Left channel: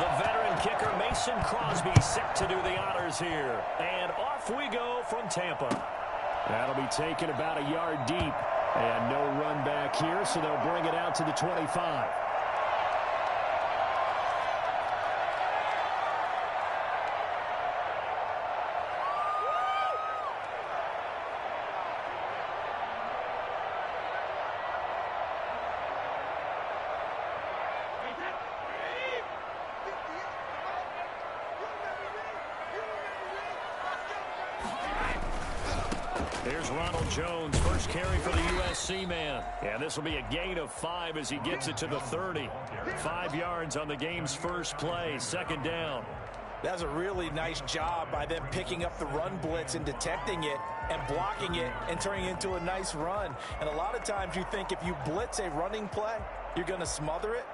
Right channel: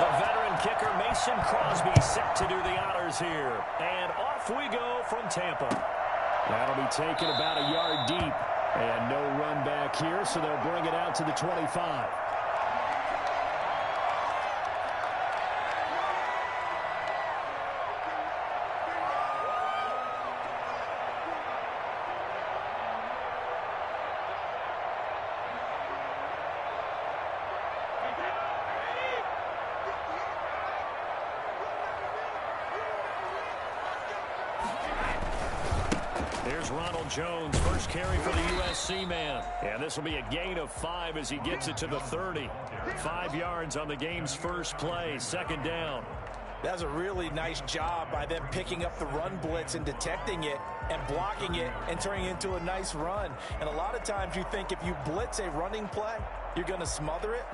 The veteran kicker Mason Crosby set to do the honors here. And off we go from Tampa. That'll be taken about a yard deep. And no run back here, so they'll bring it out to the 25. Here's Ronald Jones, first carry for the USC man. And this will be a gain of 5 as he gets it to the 30. 5 yards on the game's first play, second down. That's a really nice job by them picking up the run blitz and detecting it and blocking it and turning it into a nice run. And a lot of times you think if you blitz a running play, you're going to smother it.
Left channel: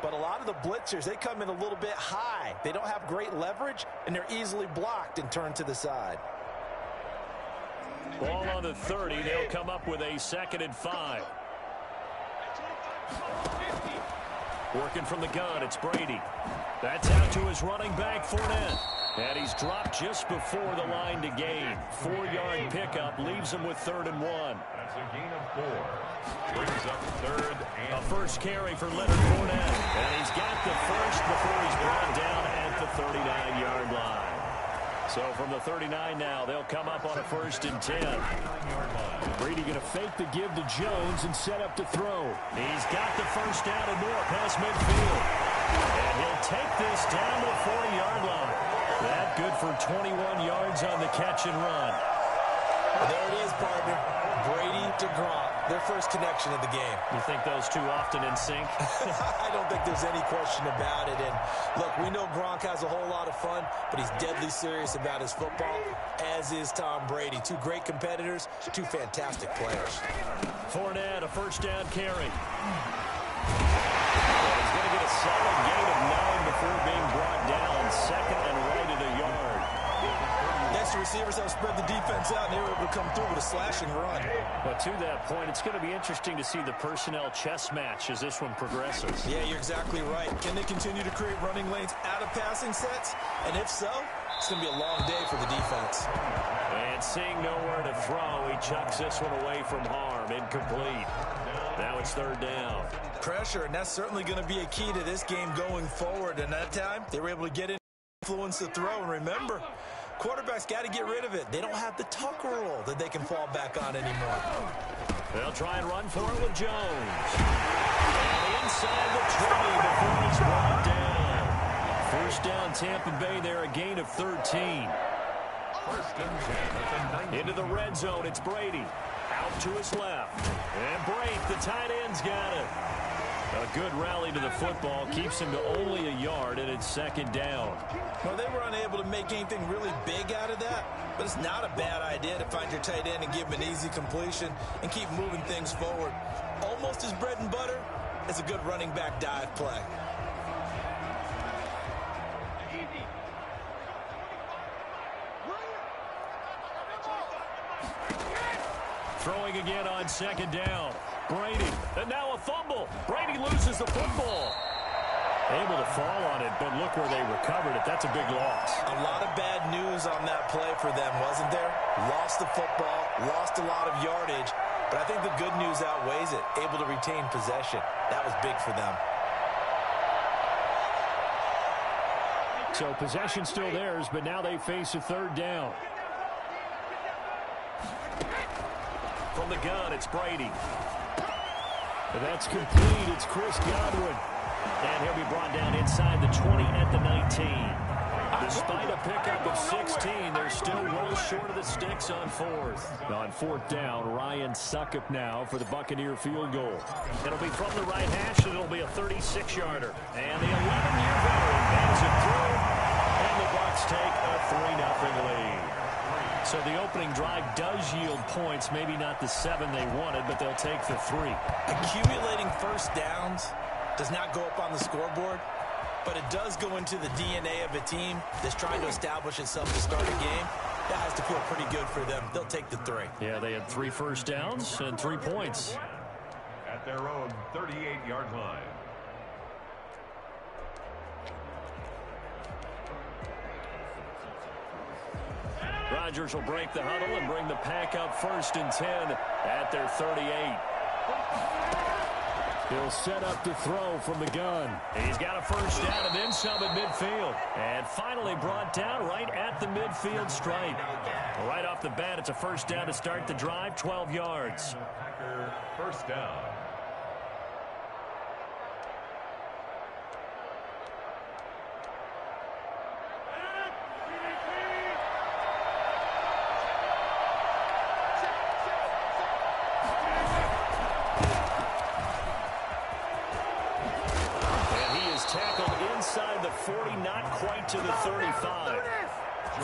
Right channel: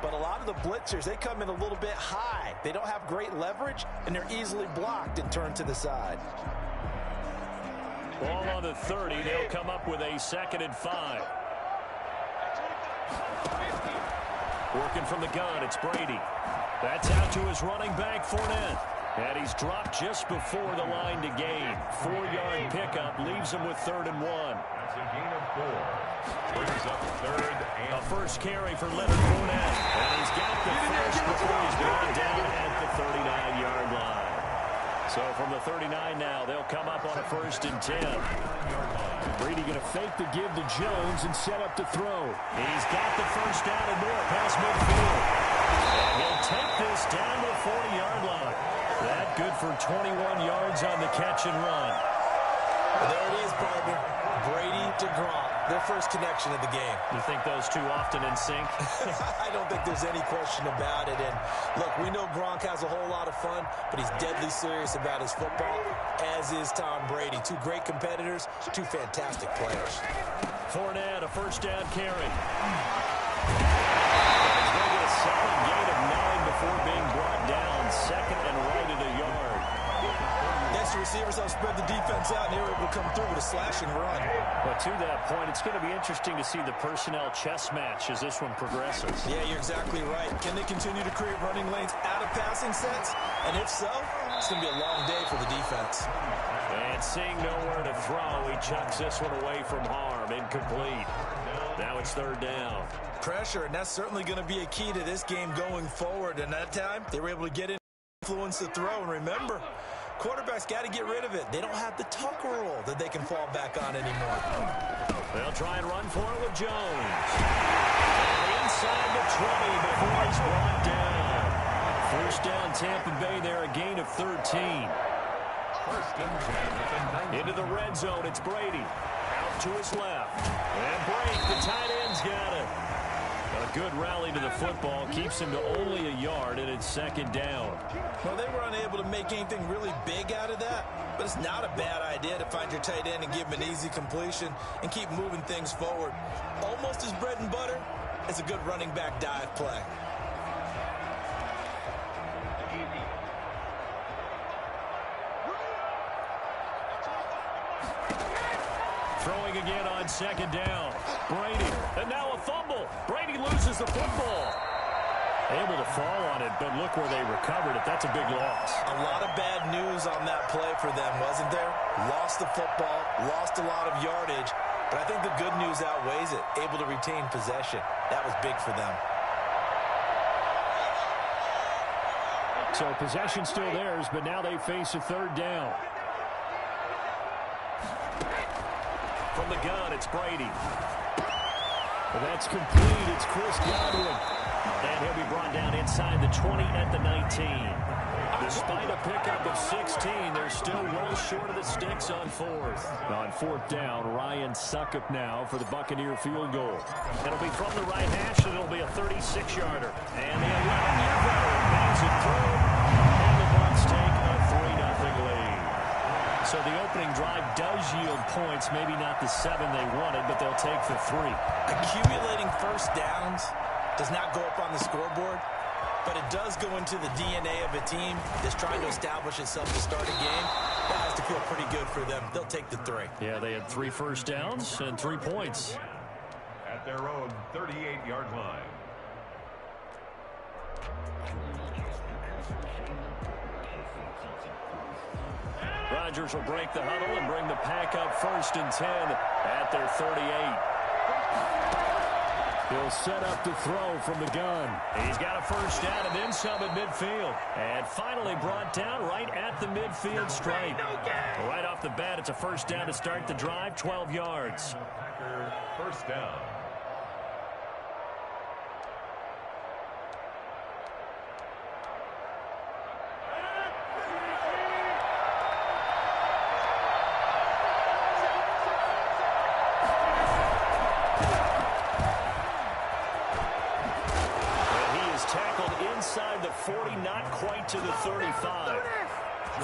But a lot of the blitzers, they come in a little bit high. They don't have great leverage, and they're easily blocked and turned to the side. Ball on the 30. They'll come up with a 2nd and 5. Working from the gun, it's Brady. That's out to his running back, Fournette. And he's dropped just before the line to gain. 4-yard pickup leaves him with 3rd and 1. That's a gain of 4. Brings up 3rd and... A first carry for Leonard Fournette. And he's got the first before he's brought down at the 39-yard line. So from the 39 now, they'll come up on a 1st and 10. Brady going to fake the give to Jones and set up to throw. He's got the first down and more past midfield. And he'll take this down to the 40-yard line. That good for 21 yards on the catch and run. Well, there it is, partner. Brady to Gronk, their first connection of the game. You think those two often in sync? I don't think there's any question about it. And look, we know Gronk has a whole lot of fun, but he's deadly serious about his football, as is Tom Brady. 2 great competitors, 2 fantastic players. Fournette, a first down carry. And he's going to get a solid gain of 9 before being brought down. 2nd and right at a yard. Next, receivers help spread the defense out, and they were able to come through with a slashing run. But to that point, it's going to be interesting to see the personnel chess match as this one progresses. Yeah, you're exactly right. Can they continue to create running lanes out of passing sets? And if so, it's going to be a long day for the defense. And seeing nowhere to throw, he chucks this one away from harm. Incomplete. Now it's 3rd down. Pressure, and that's certainly going to be a key to this game going forward. And that time, they were able to get in, influence the throw. And remember, quarterbacks got to get rid of it. They don't have the Tucker rule that they can fall back on anymore. They'll try and run for it with Jones. And inside the 20 before he's brought down. First down, Tampa Bay there, a gain of 13. Into the red zone, it's Brady. Out to his left. And break, the tight end's got it. A good rally to the football keeps him to only a yard, and it's 2nd down. Well, they were unable to make anything really big out of that, but it's not a bad idea to find your tight end and give him an easy completion and keep moving things forward. Almost as bread and butter as a good running back dive play. Throwing again on 2nd down. Brady, and now a fumble. Brady loses the football. Able to fall on it, but look where they recovered it. That's a big loss. A lot of bad news on that play for them, wasn't there? Lost the football, lost a lot of yardage, but I think the good news outweighs it. Able to retain possession. That was big for them. So possession still theirs, but now they face a 3rd down. From the gun, it's Brady. That's complete. It's Chris Godwin. And he'll be brought down inside the 20 at the 19. Despite a pickup of 16, they're still well short of the sticks on 4th. On 4th down, Ryan Succop now for the Buccaneer field goal. It'll be from the right hash, and it'll be a 36-yarder. And the 11-year veteran bangs it through, and the Bucs take a 3-0 lead. So the opening drive does yield points, maybe not the 7 they wanted, but they'll take the 3. Accumulating first downs does not go up on the scoreboard, but it does go into the DNA of a team that's trying to establish itself to start a game. That has to feel pretty good for them. They'll take the 3. Yeah, they had 3 first downs and 3 points. At their own 38-yard line. Rodgers will break the huddle and bring the pack up 1st and 10 at their 38. He'll set up to throw from the gun. He's got a first down and then some at midfield. And finally brought down right at the midfield stripe. Right off the bat, it's a first down to start the drive, 12 yards. Packer first down. Tackled inside the 40, not quite to the 35.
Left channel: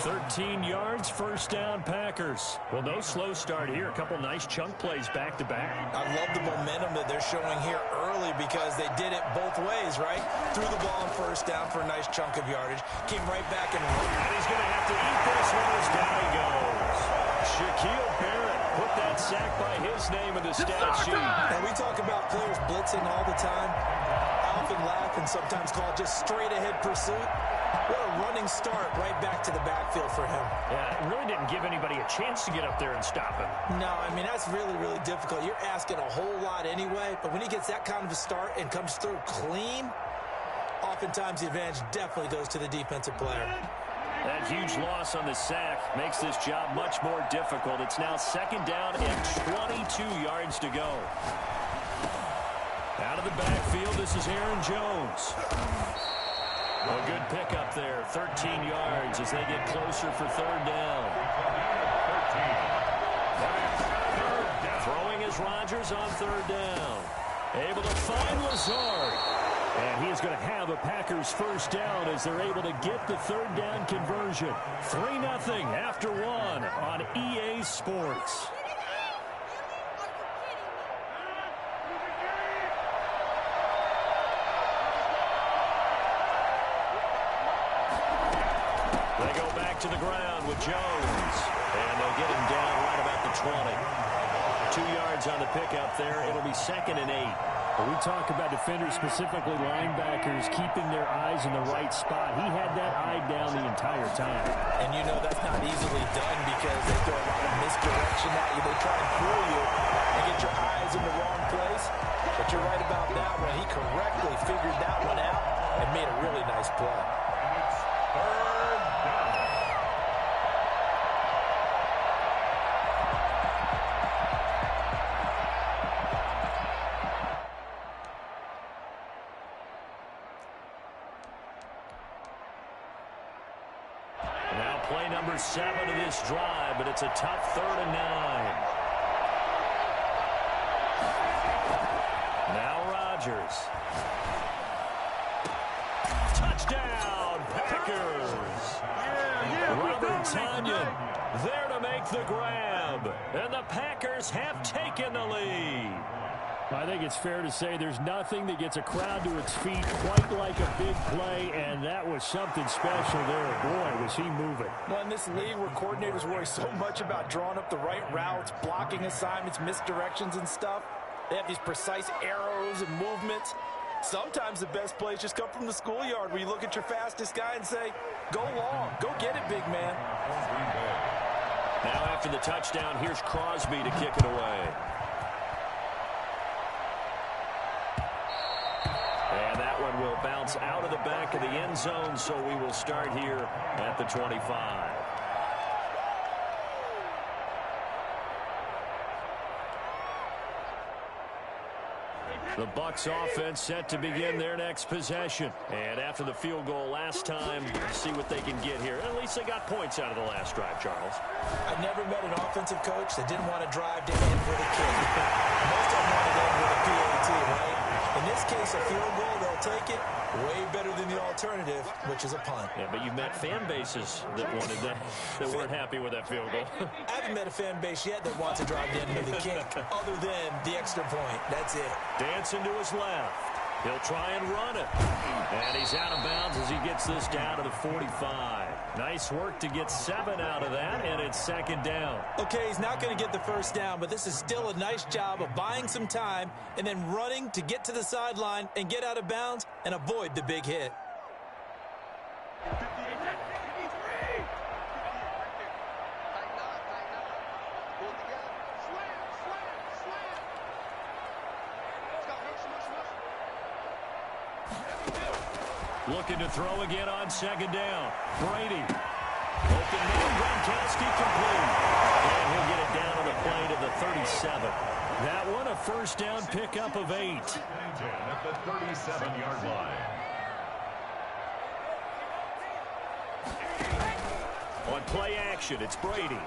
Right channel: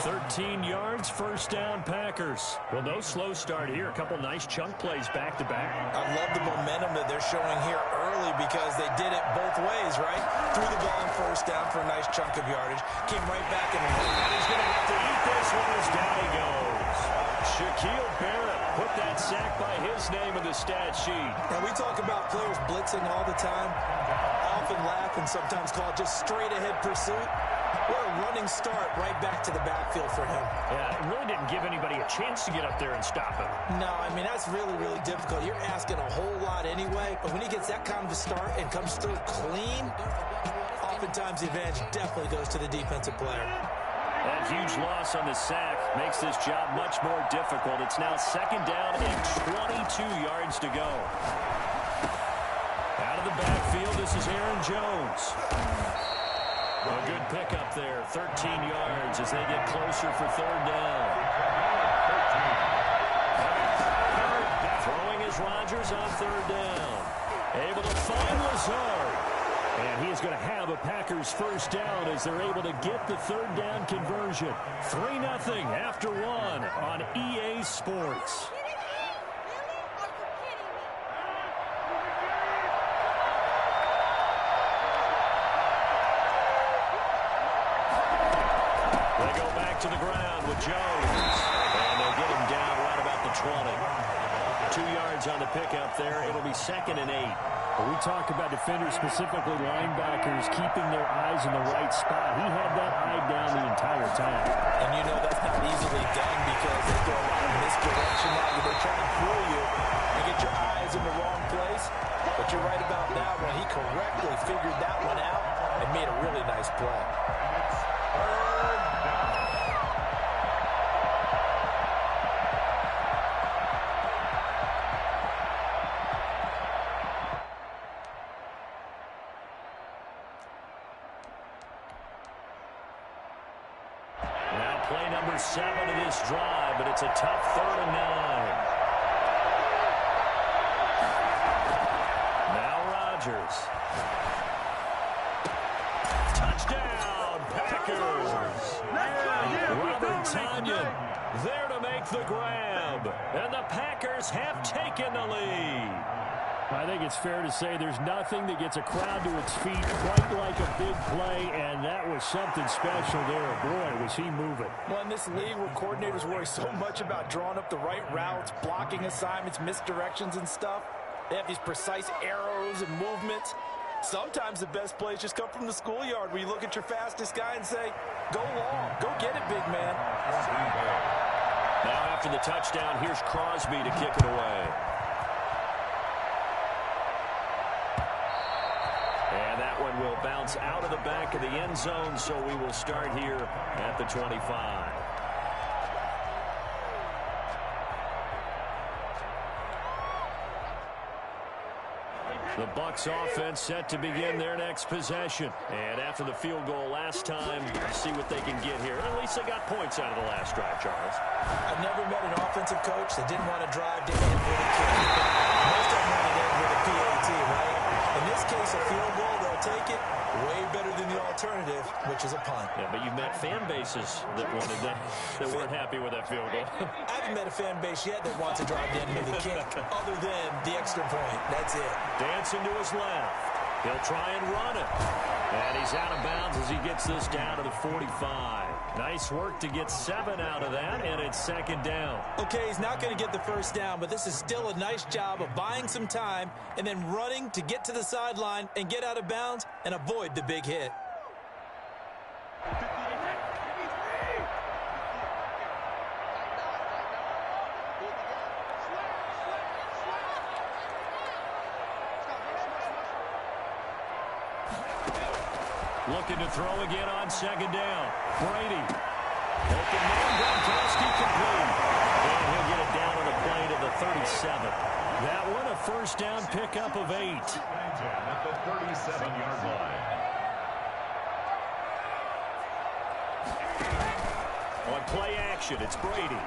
13 yards, first down, Packers. Well, no slow start here. A couple nice chunk plays back-to-back. I love the momentum that they're showing here early because they did it both ways, right? Threw the ball on first down for a nice chunk of yardage. Came right back and he's going to have to eat this one as down he goes. Shaquille Barrett put that sack by his name in the stat sheet. And we talk about players blitzing all the time. I often laugh and sometimes call it just straight-ahead pursuit. What a running start right back to the backfield for him. Yeah, it really didn't give anybody a chance to get up there and stop him. No, I mean, that's really, really difficult. You're asking a whole lot anyway, but when he gets that kind of a start and comes through clean, oftentimes the advantage definitely goes to the defensive player. That huge loss on the sack makes this job much more difficult. It's now 2nd down and 22 yards to go. Out of the backfield, this is Aaron Jones. A good pickup there, 13 yards as they get closer for 3rd down. Throwing is Rodgers on 3rd down. Able to find Lazard. And he is going to have a Packers first down as they're able to get the 3rd down conversion. 3-0 after 1 on EA Sports. They go back to the ground with Jones. And they'll get him down right about the 20. 2 yards on the pickup there. It'll be 2nd and 8. We talk about defenders, specifically linebackers, keeping their eyes in the right spot. He had that eye down the entire time. And you know that's not easily done because they throw a lot of misdirection at you. They try and fool you and get your eyes in the wrong place. But you're right about that one. He correctly figured that one out and made a really nice play. Third down. Now play number 7 of this drive, but it's a tough 3rd and 9. Now Rodgers. Touchdown, Packers. Robert Tonyan there to make the grab. And the Packers have taken the lead. I think it's fair to say there's nothing that gets a crowd to its feet quite like a big play, and that was something special there. Boy, was he moving. Well, in this league where coordinators worry so much about drawing up the right routes, blocking assignments, misdirections and stuff, they have these precise arrows and movements. Sometimes the best plays just come from the schoolyard where you look at your fastest guy and say, go long, go get it, big man. Now after the touchdown, here's Crosby to kick it away. And that one will bounce out of the back of the end zone, so we will start here at the 25. The Bucs offense set to begin their next possession. And after the field goal last time, see what they can get here. At least they got points out of the last drive, Charles. I've never met an offensive coach that didn't want to drive to end with a kick. Most of them want to end with a PAT, right? In this case, a field goal, they'll take it. Way better than the alternative, which is a punt. Yeah, but you've met fan bases that wanted that weren't happy with that field goal. I haven't met a fan base yet that wants to drive to end with a kick other than the extra point. That's it. Dancing to his left. He'll try and run it. And he's out of bounds as he gets this down to the 45. Nice work to get 7 out of that, and it's 2nd down. Okay, he's not going to get the first down, but this is still a nice job of buying some time and then running to get to the sideline and get out of bounds and avoid the big hit. Looking to throw again on second down. Brady. Open man, Gronkowski complete. And he'll get it down on the play to the 37. That one a first down pickup of 8. At the 37-yard line. On play action, it's Brady.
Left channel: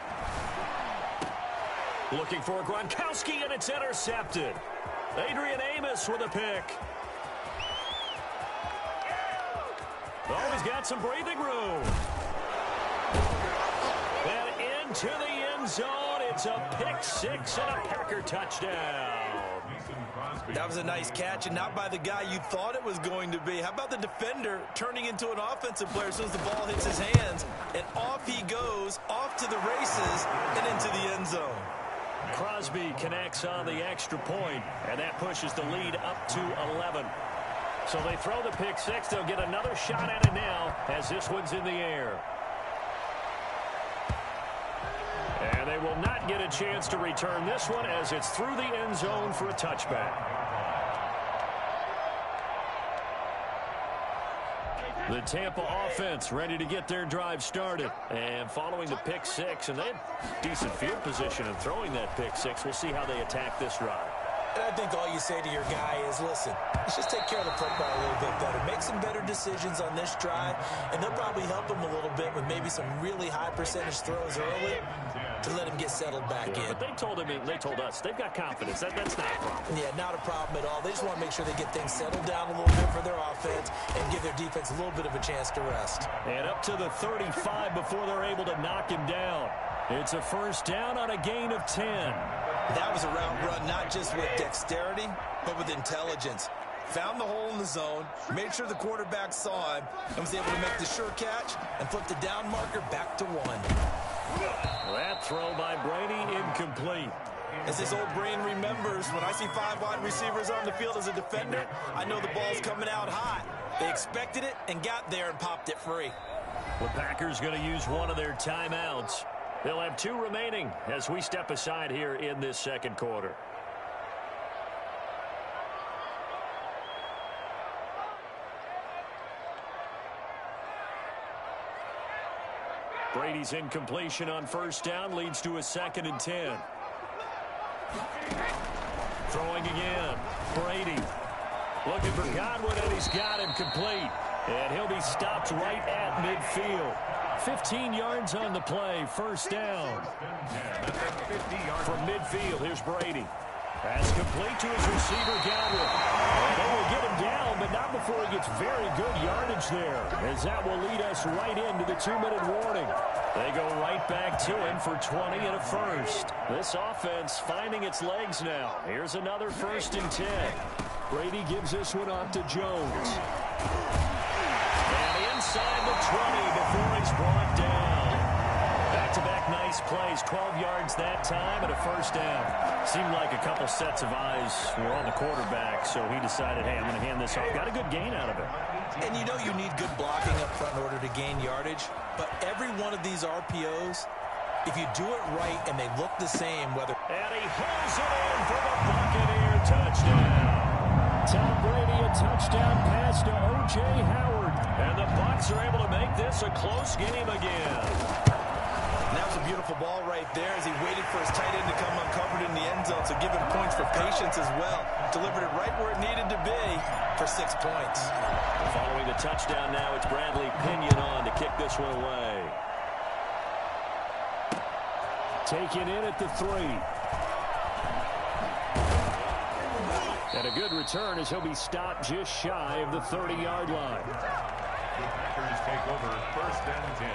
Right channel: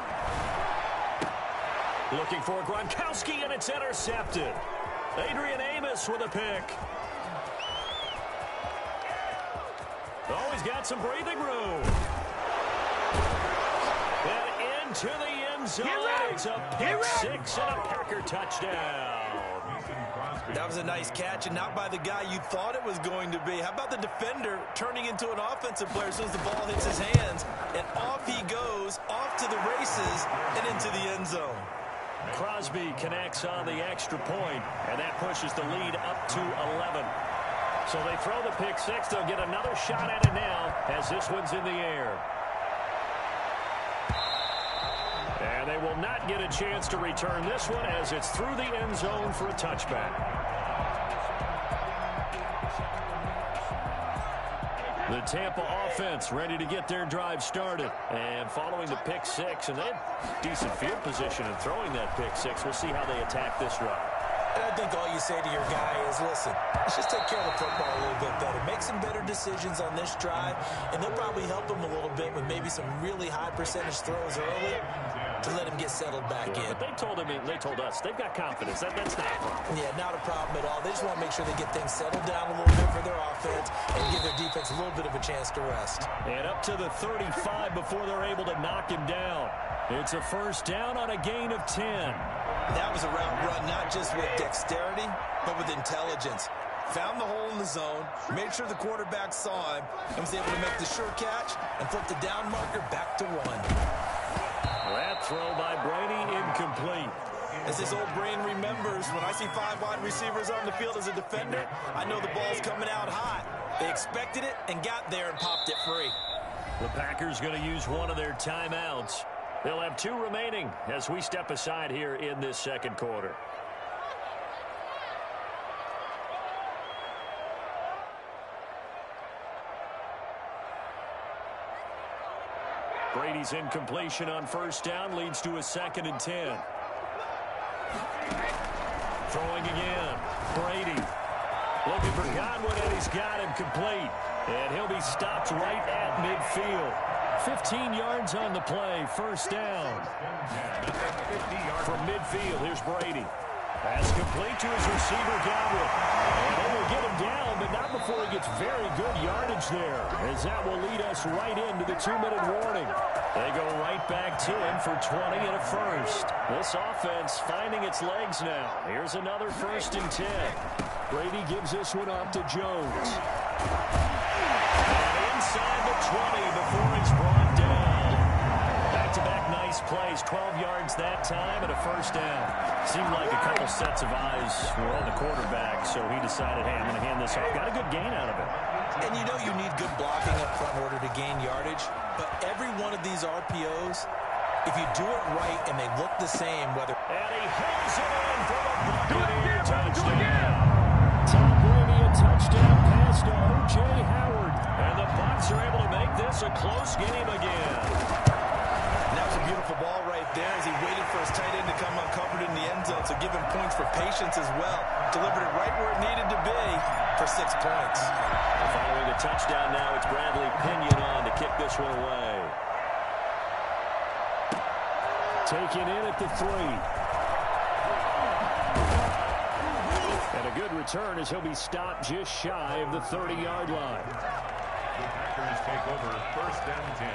Looking for Gronkowski, and it's intercepted. Adrian Amos with a pick. Oh, he's got some breathing room. And into the end zone. It's a pick six and a Packer touchdown. That was a nice catch, and not by the guy you thought it was going to be. How about the defender turning into an offensive player as soon as the ball hits his hands, and off he goes, off to the races, and into the end zone. Crosby connects on the extra point, and that pushes the lead up to 11. So they throw the pick six. They'll get another shot at it now as this one's in the air. And they will not get a chance to return this one as it's through the end zone for a touchback. The Tampa offense ready to get their drive started. And following the pick six, and they had decent field position in throwing that pick six. We'll see how they attack this drive. And I think all you say to your guy is, listen, let's just take care of the football a little bit better. Make some better decisions on this drive, and they'll probably help him a little bit with maybe some really high percentage throws early to let him get settled back in. But they told us, they've got confidence. That's not a problem. Yeah, not a problem at all. They just want to make sure they get things settled down a little bit for their offense and give their defense a little bit of a chance to rest. And up to the 35 before they're able to knock him down. It's a first down on a gain of 10. That was a route run not just with dexterity, but with intelligence. Found the hole in the zone, made sure the quarterback saw him, and was able to make the sure catch and flip the down marker back to 1. That throw by Brady incomplete. As his old brain remembers, when I see 5 wide receivers on the field as a defender, I know the ball's coming out hot. They expected it and got there and popped it free. The Packers going to use one of their timeouts. They'll have 2 remaining as we step aside here in this second quarter. Brady's incompletion on first down leads to a 2nd and 10. Throwing again. Brady looking for Godwin, and he's got him complete. And he'll be stopped right at midfield. 15 yards on the play, first down. From midfield, here's Brady. Pass complete to his receiver, Godwin. And they will get him down, but not before he gets very good yardage there, as that will lead us right into the 2-minute warning. They go right back to him for 20 and a first. This offense finding its legs now. Here's another 1st and 10. Brady gives this one off to Jones. And inside the 20 before he's brought down. Back-to-back nice plays, 12 yards that time and a first down. Seemed like a couple sets of eyes were on the quarterback, so he decided, hey, I'm going to hand this off. Got a good gain out of it. And you know you need good blocking up front in order to gain yardage, but every one of these RPOs, if you do it right and they look the same, whether... And he holds it in for the Buccaneer touchdown. Tom Brady, a touchdown pass to O.J. Howard. And the Bucs are able to make this a close game again. And that was a beautiful ball right there as he waited for his tight end to come uncovered in the end zone, so give him points for patience as well. Delivered it right where it needed to be for 6 points. Following the touchdown now, it's Bradley Pinion on to kick this one away. Taken in at the 3. And a good return as he'll be stopped just shy of the 30-yard line. The Packers take over 1st and 10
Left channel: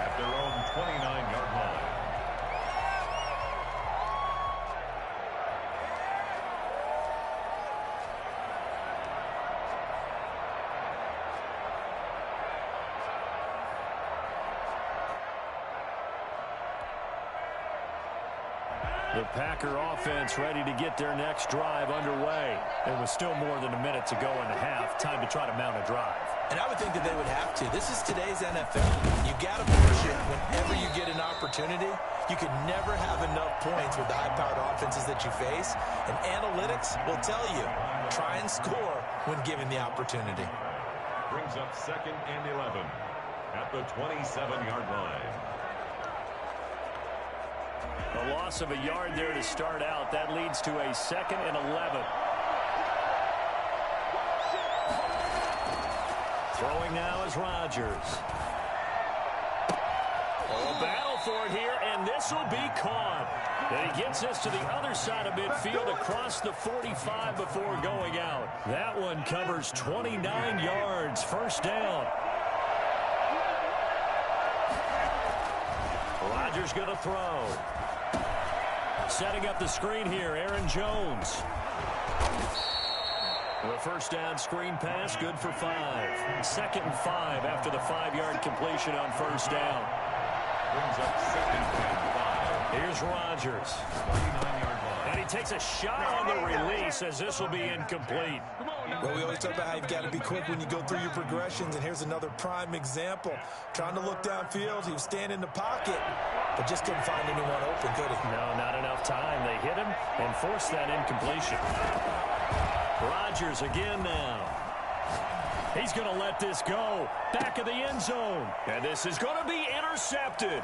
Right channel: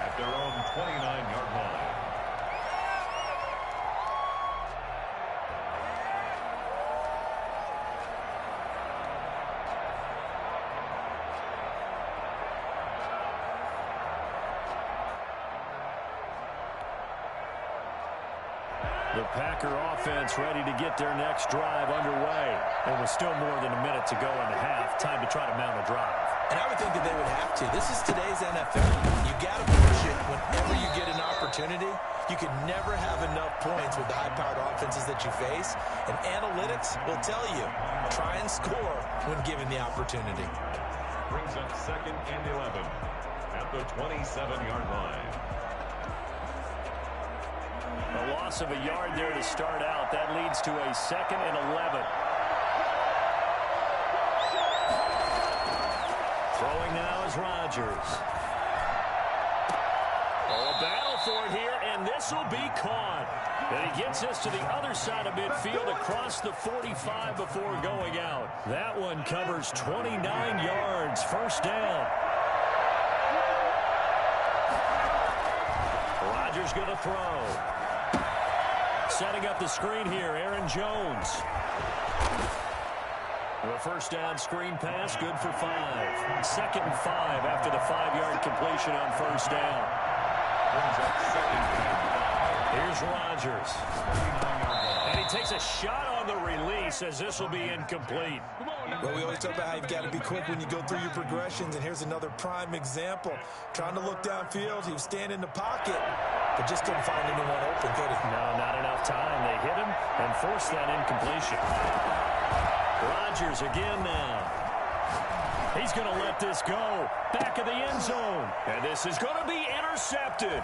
at their own 29-yard line. The Packer offense ready to get their next drive underway. And with still more than a minute to go in the half, time to try to mount a drive. And I would think that they would have to. This is today's NFL. You got to push it whenever you get an opportunity. You can never have enough points with the high-powered offenses that you face. And analytics will tell you, try and score when given the opportunity. Brings up 2nd and 11 at the 27-yard line. A loss of a yard there to start out. That leads to a 2nd and 11. Throwing now is Rodgers. Oh, a battle for it here, and this will be caught. And he gets us to the other side of midfield across the 45 before going out. That one covers 29 yards. First down. Rodgers going to throw. Setting up the screen here, Aaron Jones. The first down screen pass, good for 5. 2nd and 5 after the 5-yard completion on first down. Brings up 2nd and 5. Here's Rodgers. 39-yard line. And he takes a shot on the release as this will be incomplete. Well, we always talk about how you've got to be quick when you go through your progressions, and here's another prime example. Trying to look downfield, he was standing in the pocket, but just couldn't find anyone open, could he? No, not enough time. They hit him and forced that incompletion. Rodgers again now. He's going to let this go. Back of the end zone. And this is going to be intercepted.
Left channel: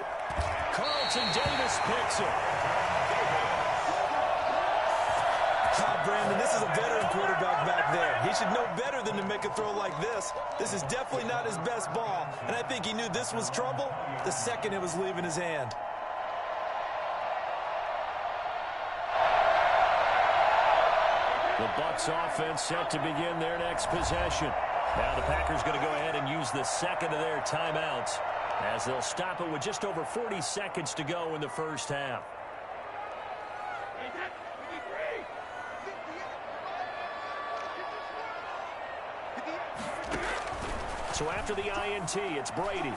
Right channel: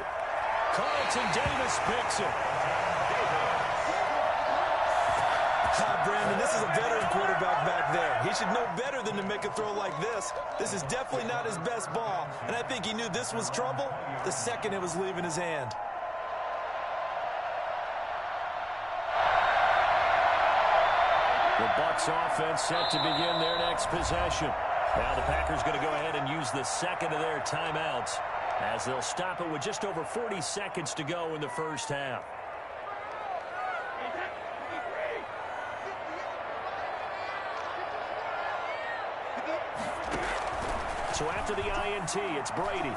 Carlton Davis picks it. Brandon, this is a veteran quarterback back there. He should know better than to make a throw like this. This is definitely not his best ball, and I think he knew this was trouble the second it was leaving his hand. The Bucs offense set to begin their next possession. Now the Packers going to go ahead and use the second of their timeouts as they'll stop it with just over 40 seconds to go in the first half. So after the INT, it's Brady.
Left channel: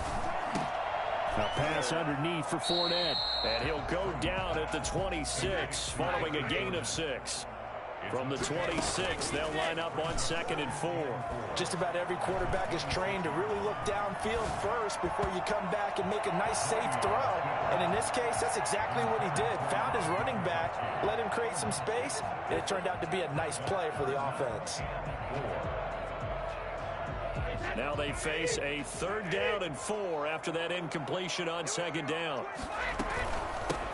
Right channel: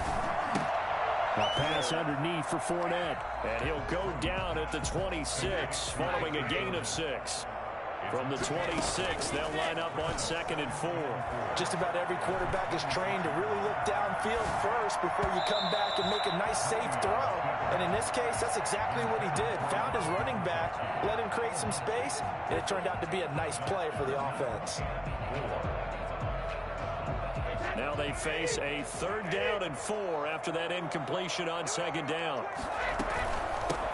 A pass underneath for Fournette. And he'll go down at the 26 following a gain of 6. From the 26, they'll line up on 2nd and 4. Just about every quarterback is trained to really look downfield first before you come back and make a nice, safe throw. And in this case, that's exactly what he did. Found his running back, let him create some space, and it turned out to be a nice play for the offense. Now they face a 3rd down and 4 after that incompletion on 2nd down.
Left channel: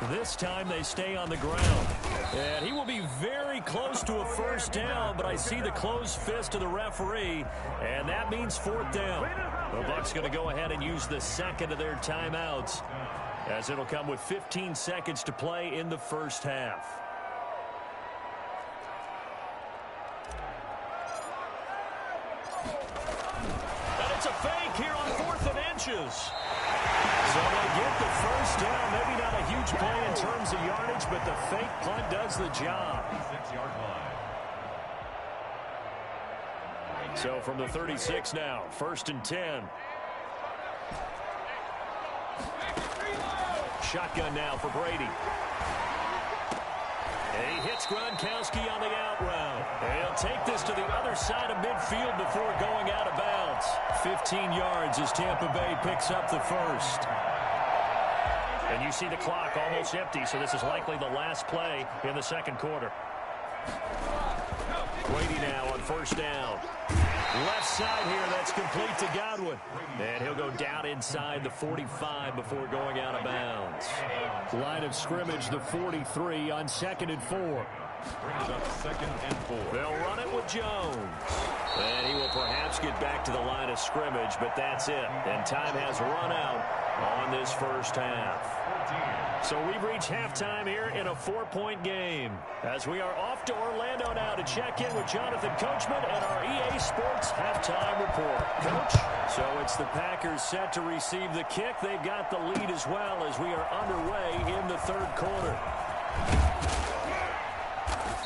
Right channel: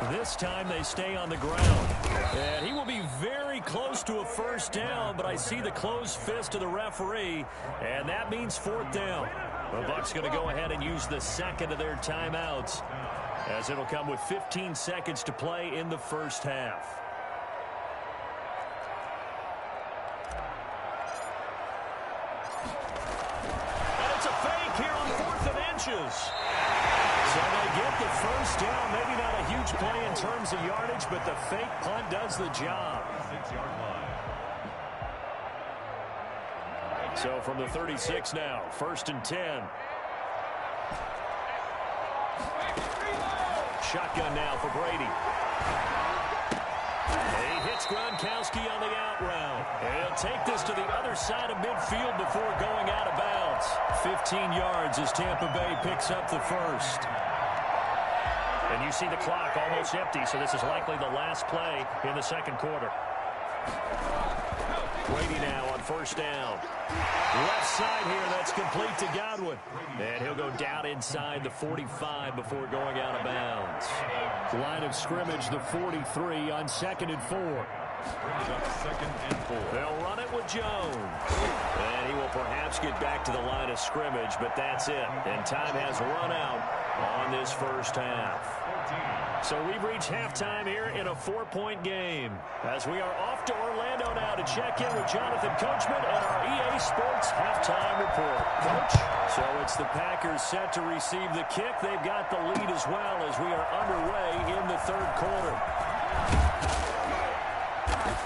This time they stay on the ground. And he will be very close to a first down, but I see the closed fist of the referee, and that means 4th down. The Bucs going to go ahead and use the second of their timeouts, as it'll come with 15 seconds to play in the first half. And it's a fake here on 4th and inches. So they get the first down. Maybe not a huge play in terms of yardage, but the fake punt does the job. 36-yard line. So from the 36 now, 1st and 10. Shotgun now for Brady. He hits Gronkowski on the out route. He'll take this to the other side of midfield before going out of bounds. 15 yards as Tampa Bay picks up the first. And you see the clock almost empty, so this is likely the last play in the 2nd quarter. Brady now on 1st down. Left side here, that's complete to Godwin. And he'll go down inside the 45 before going out of bounds. Line of scrimmage, the 43 on 2nd and 4. Brings up 2nd and 4. They'll run it with Jones. And he will perhaps get back to the line of scrimmage, but that's it. And time has run out on this first half. So we've reached halftime here in a 4-point game, as we are off to Orlando now to check in with Jonathan Coachman and our EA Sports halftime report. Coach? So it's the Packers set to receive the kick. They've got the lead as well as we are underway in the 3rd quarter.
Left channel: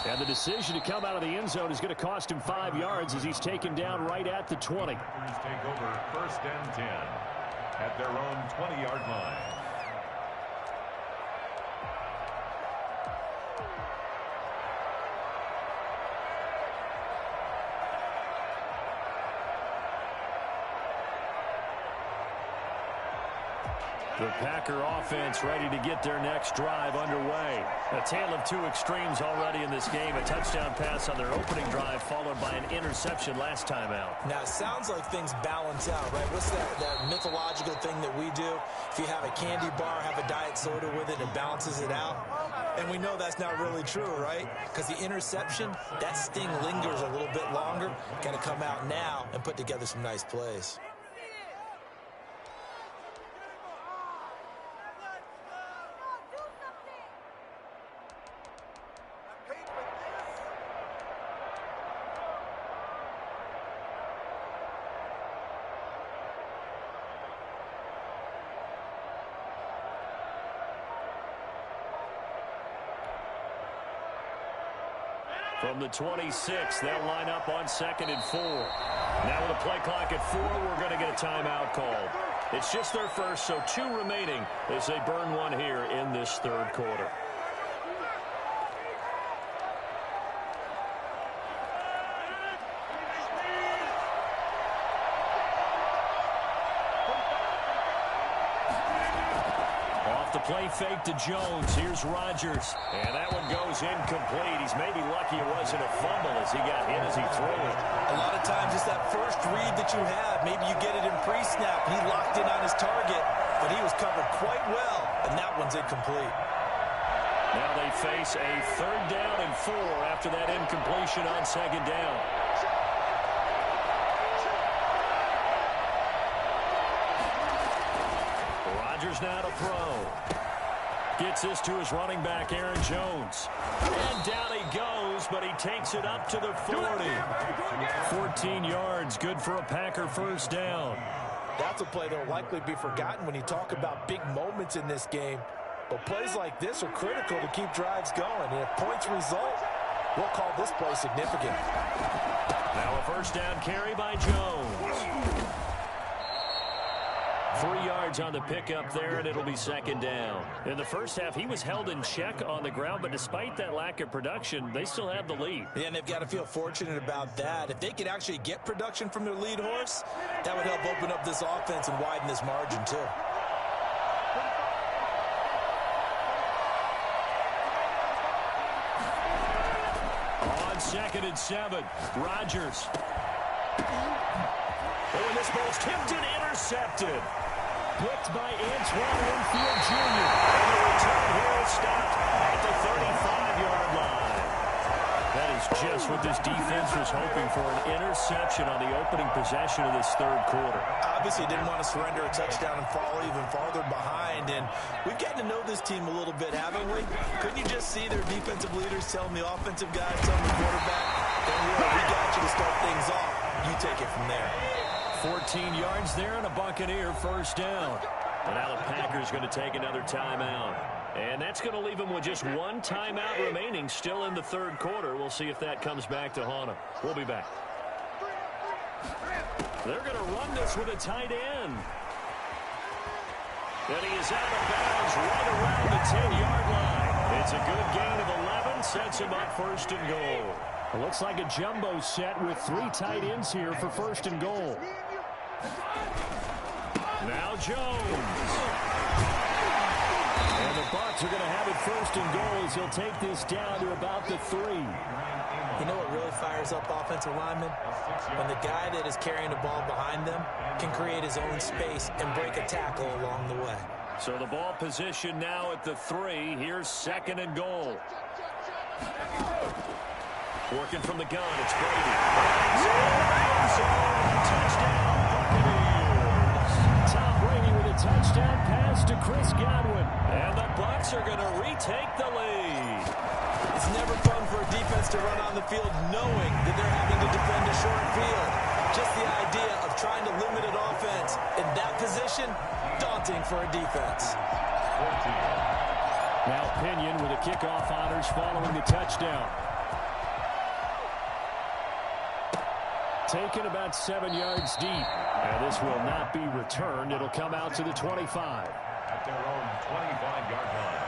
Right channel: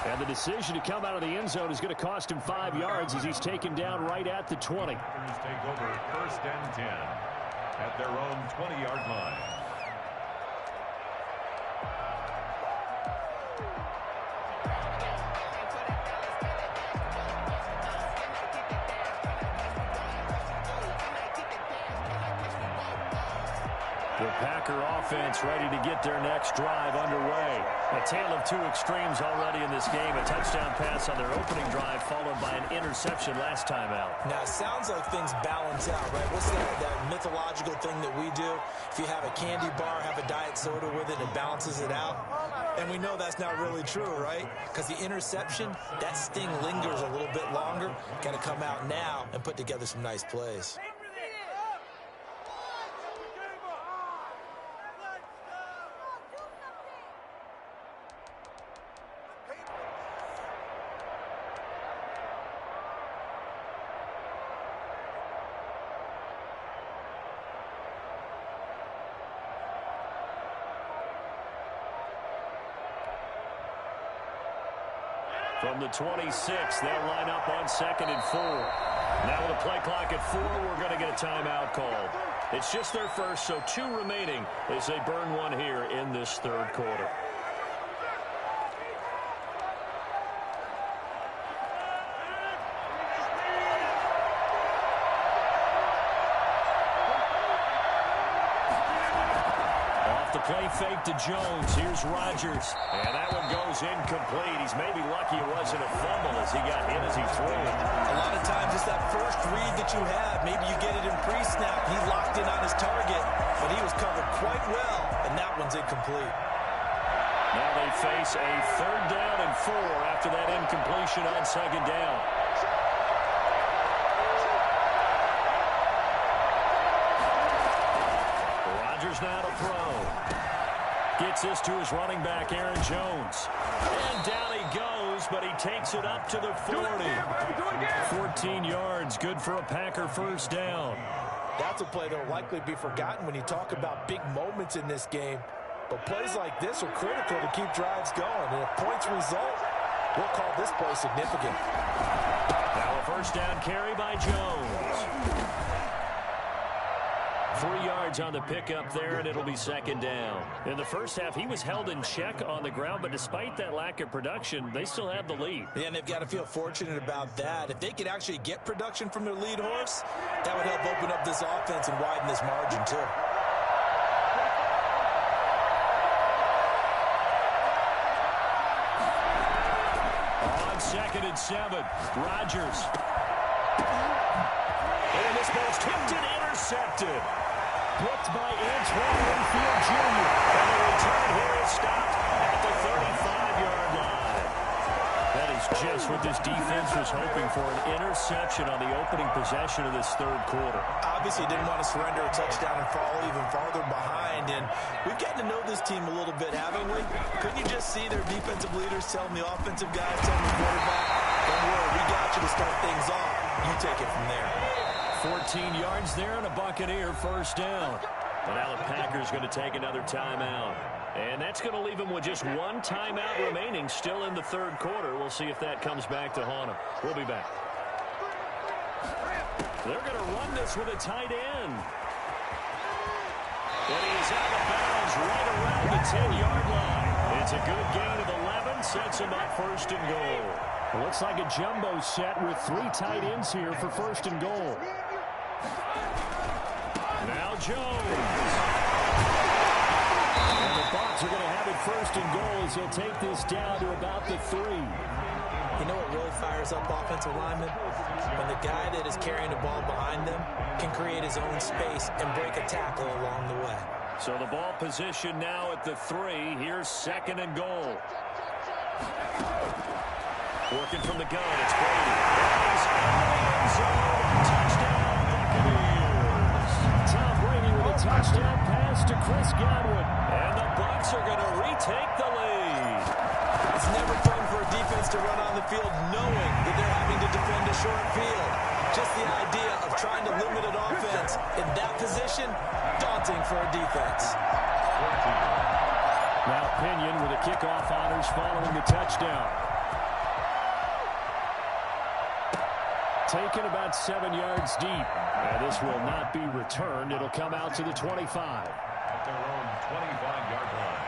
And the decision to come out of the end zone is going to cost him 5 yards as he's taken down right at the 20. Packers take over 1st and 10 at their own 20-yard line. The Packer offense ready to get their next drive underway. A tale of two extremes already in this game. A touchdown pass on their opening drive followed by an interception last time out. Now, it sounds like things balance out, right? What's that mythological thing that we do? If you have a candy bar, have a diet soda with it, it balances it out. And we know that's not really true, right? Because the interception, that sting lingers a little bit longer. Got to come out now and put together some nice plays. From the 26, they'll line up on 2nd and 4. Now with a play clock at 4, we're going to get a timeout called. It's just their first, so 2 remaining as they burn one here in this third quarter. The play fake to Jones. Here's Rodgers. And that one goes incomplete. He's maybe lucky it wasn't a fumble as he got hit as he threw it. A lot of times it's that first read that you have. Maybe you get it in pre-snap. He locked in on his target, but he was covered quite well, and that one's incomplete. Now they face a 3rd down and 4 after that incompletion on 2nd down. Rodgers now to throw. Gets this to his running back, Aaron Jones. And down he goes, but he takes it up to the 40. 14 yards, good for a Packer first down. That's a play that will likely be forgotten when you talk about big moments in this game. But plays like this are critical to keep drives going. And if points result, we'll call this play significant. Now a first down carry by Jones. 3 yards on the pickup there, and it'll be 2nd down. In the first half, he was held in check on the ground, but despite that lack of production, they still have the lead. Yeah, and they've got to feel fortunate about that. If they could actually get production from their lead horse, that would help open up this offense and widen this margin, too. On 2nd and 7, Rodgers. And this ball's tipped and intercepted. Picked by Antoine Winfield Jr. And the return here is stopped at the 35-yard line. That is just what this defense was hoping for, an interception on the opening possession of this third quarter. Obviously didn't want to surrender a touchdown and fall even farther behind. And we've gotten to know this team a little bit, haven't we? Couldn't you just see their defensive leaders telling the offensive guys, telling the quarterback, don't worry, we got you to start things off. You take it from there. 14 yards there and a Buccaneer first down. And now the Packers going to take another timeout. And that's going to leave them with just one timeout remaining still in the third quarter. We'll see if that comes back to haunt them. We'll be back. They're going to run this with a tight end. And he is out of bounds right around the 10-yard line. It's a good gain of 11, sets him up 1st and goal. It looks like a jumbo set with 3 tight ends here for 1st and goal. Now Jones. And the Bucs are going to have it 1st and goal as he'll take this down to about the 3. You know what really fires up offensive linemen? When the guy that is carrying the ball behind them can create his own space and break a tackle along the way. So the ball position now at the 3. Here's 2nd and goal. Working from the gun, it's Brady. And he's into the end zone. Touchdown, Buccaneers. Tom Brady with a touchdown pass to Chris Godwin. And the Bucs are going to retake the lead. It's never fun for a defense to run on the field knowing that they're having to defend a short field. Just the idea of trying to limit an offense in that position, daunting for a defense. Now Pinion with the kickoff honors following the touchdown. Taken about 7 yards deep. And this will not be returned. It'll come out to the 25. At their own 25-yard line.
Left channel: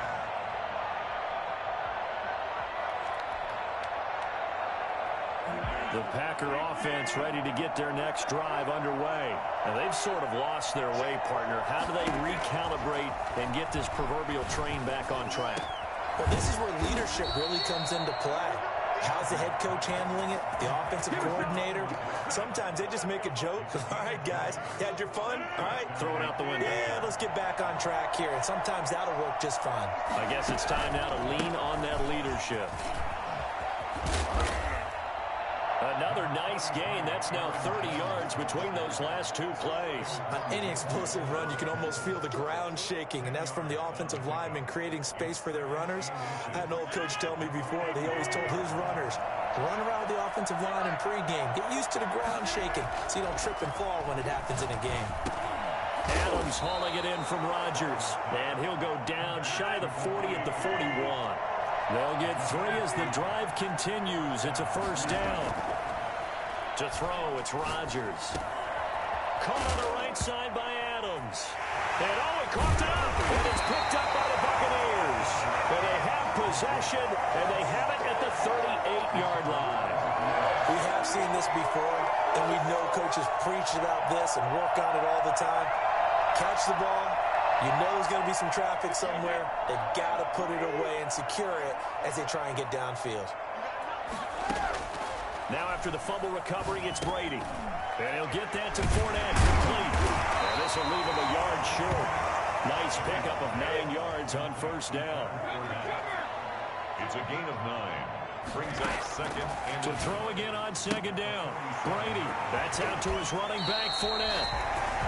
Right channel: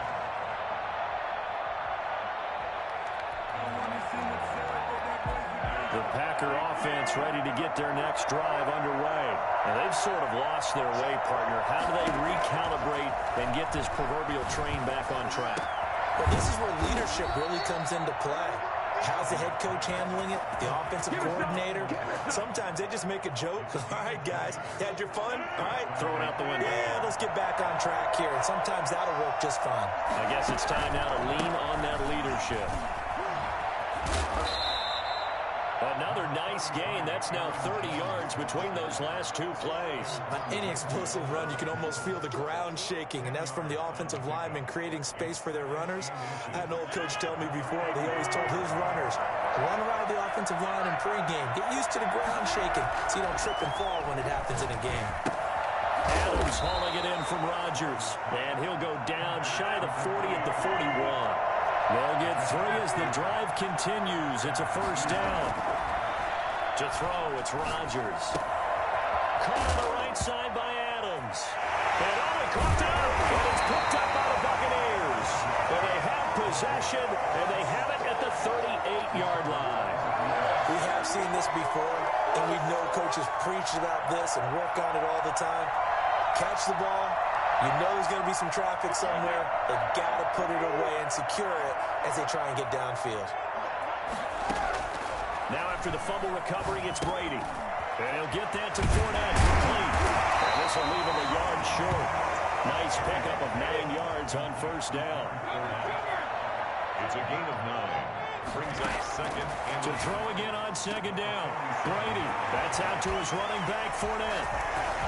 The Packer offense ready to get their next drive underway. And they've sort of lost their way, partner. How do they recalibrate and get this proverbial train back on track? Well, this is where leadership really comes into play. How's the head coach handling it? The offensive coordinator? Sometimes they just make a joke. All right, guys, you had your fun? All right. Throw it out the window. Yeah, let's get back on track here. And sometimes that'll work just fine. I guess it's time now to lean on that leadership. Another nice gain. That's now 30 yards between those last two plays. On any explosive run, you can almost feel the ground shaking, and that's from the offensive linemen creating space for their runners. I had an old coach tell me before, he always told his runners, run around the offensive line in pregame. Get used to the ground shaking so you don't trip and fall when it happens in a game. Adams hauling it in from Rodgers, and he'll go down shy of the 40 at the 41. They'll get 3 as the drive continues. It's a first down. To throw, it's Rodgers. Caught on the right side by Adams. And he coughed it up. And it's picked up by the Buccaneers. And they have possession, and they have it at the 38-yard line. We have seen this before, and we know coaches preach about this and work on it all the time. Catch the ball. You know there's going to be some traffic somewhere. They've got to put it away and secure it as they try and get downfield. Now after the fumble recovery, it's Brady. And he'll get that to Fournette, complete. And this will leave him a yard short. Nice pickup of 9 yards on first down. It's a gain of 9. Brings up second and to throw again on second down. Brady, that's out to his running back, Fournette.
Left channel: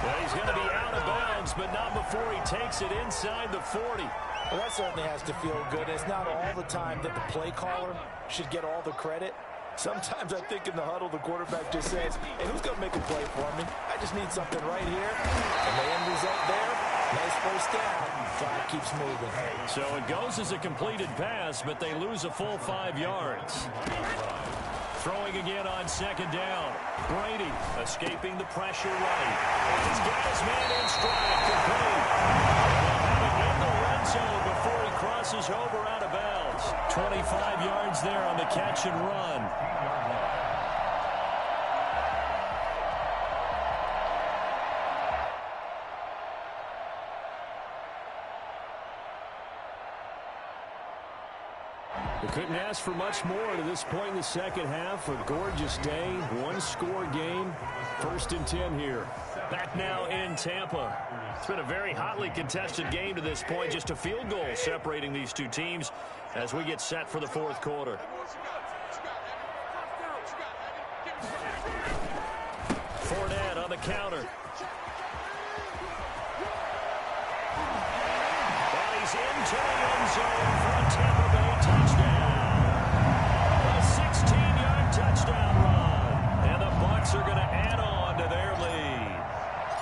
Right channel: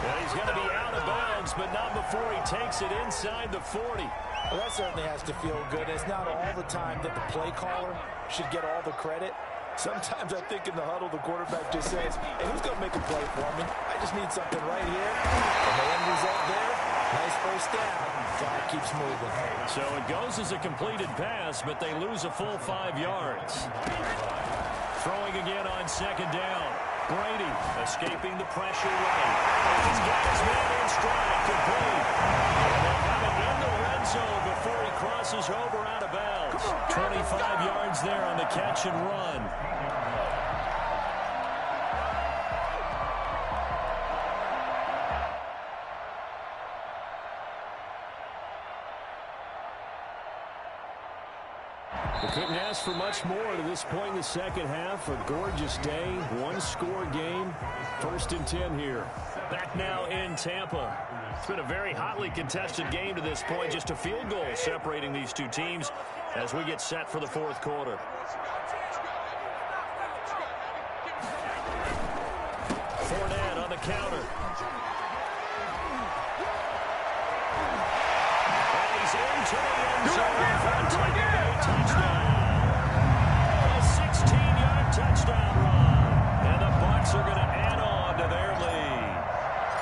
And he's going to be out of bounds, but not before he takes it inside the 40. Well, that certainly has to feel good. It's not all the time that the play caller should get all the credit. Sometimes I think in the huddle, the quarterback just says, hey, who's going to make a play for me? I just need something right here. And the end result there, nice first down. Clock keeps moving. So it goes as a completed pass, but they lose a full 5 yards. Throwing again on second down. Brady escaping the pressure right. And he's got his man in stride, complete. And they'll have it in the red zone before he crosses over out of bounds. 25 yards there on the catch and run. We couldn't ask for much more to this point in the second half. A gorgeous day, one-score game. 1st and 10 here. Back now in Tampa. It's been a very hotly contested game to this point. Just a field goal separating these two teams as we get set for the fourth quarter. Fournette on the counter. And he's into the end zone for a Tampa Bay touchdown. A 16-yard touchdown run. And the Bucs are going to add on to their lead.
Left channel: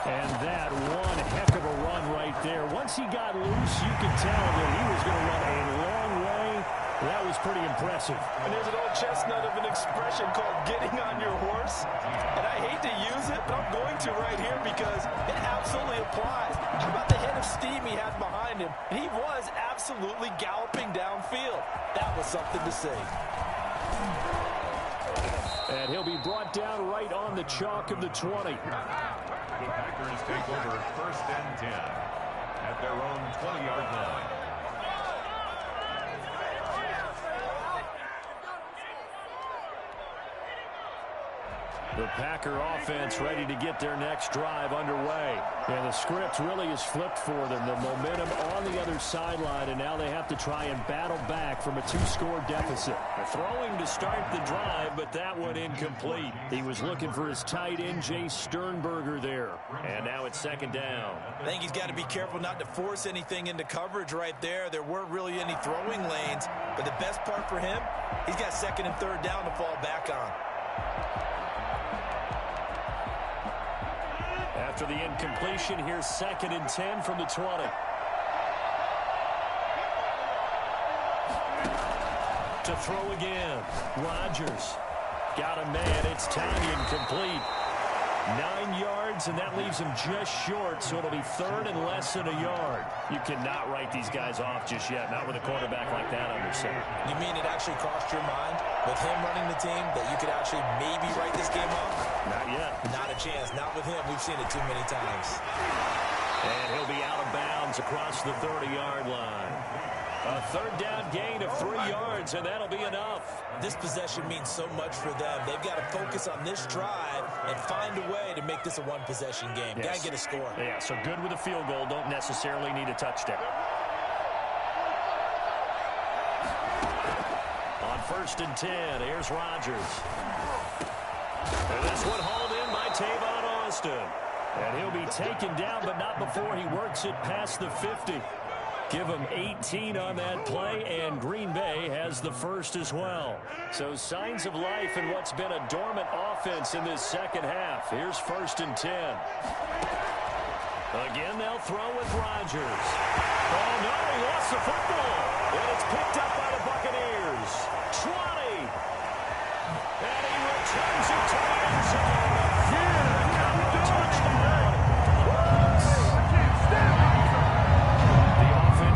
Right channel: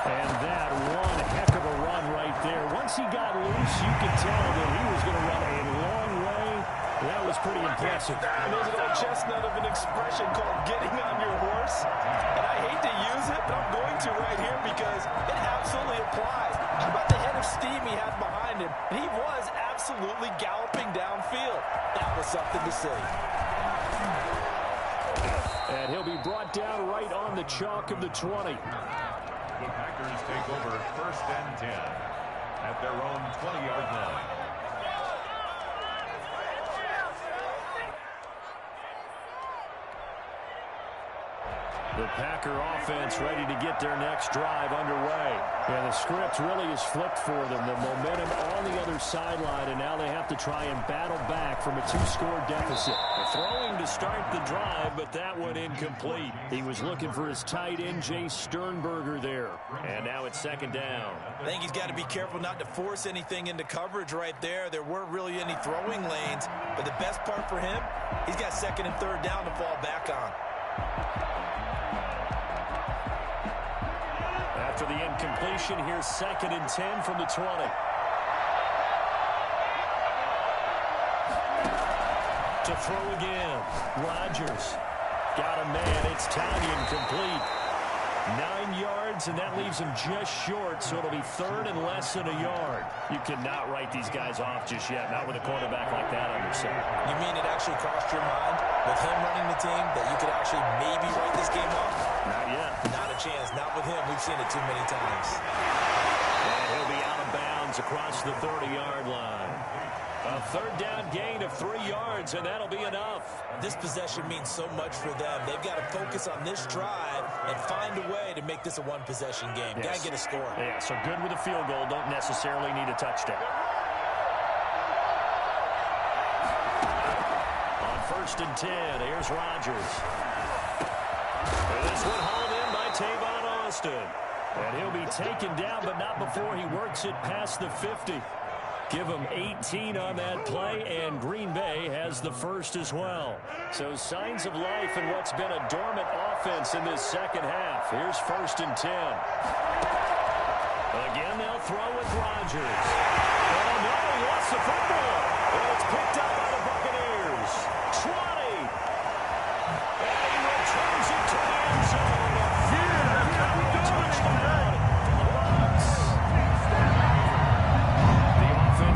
And that one heck of a run right there. Once he got loose, you could tell that he was going to run a long way. That was pretty impressive. And there's an old chestnut of an expression called getting on your horse. And I hate to use it, but I'm going to right here because it absolutely applies. How about the head of steam he had behind him? And he was absolutely galloping downfield. That was something to see. And he'll be brought down right on the chalk of the 20. The Packers take over 1st and 10 at their own 20-yard line. The Packer offense ready to get their next drive underway. And the script really is flipped for them. The momentum on the other sideline, and now they have to try and battle back from a 2-score deficit. They're throwing to start the drive, but that one incomplete. He was looking for his tight end, Jay Sternberger, there. And now it's second down. I think he's got to be careful not to force anything into coverage right there. There weren't really any throwing lanes, but the best part for him, he's got 2nd and 3rd down to fall back on. After the incompletion, here's 2nd and 10 from the 20. To throw again, Rodgers. Got a man, it's Tanyan complete. 9 yards, and that leaves him just short, so it'll be third and less than a yard. You cannot write these guys off just yet, not with a quarterback like that under center. You mean it actually crossed your mind with him running the team that you could actually maybe write this game off? Not yet. Not a chance. Not with him. We've seen it too many times. And he'll be out of bounds across the 30-yard line. A third down gain of 3 yards, and that'll be enough. This possession means so much for them. They've got to focus on this drive and find a way to make this a one-possession game. Yes. Got to get a score. Yeah, so good with a field goal. Don't necessarily need a touchdown. On 1st and 10, here's Rodgers. And this one hauled in by Tavon Austin. And he'll be taken down, but not before he works it past the 50. Give him 18 on that play, and Green Bay has the first as well. So signs of life in what's been a dormant offense in this second half. Here's 1st and 10. Again, they'll throw with Rodgers. Oh, no, he lost the football. And it's picked up by the Buccaneers. 20. And he returns it to the end zone. A touchdown for the Bucs.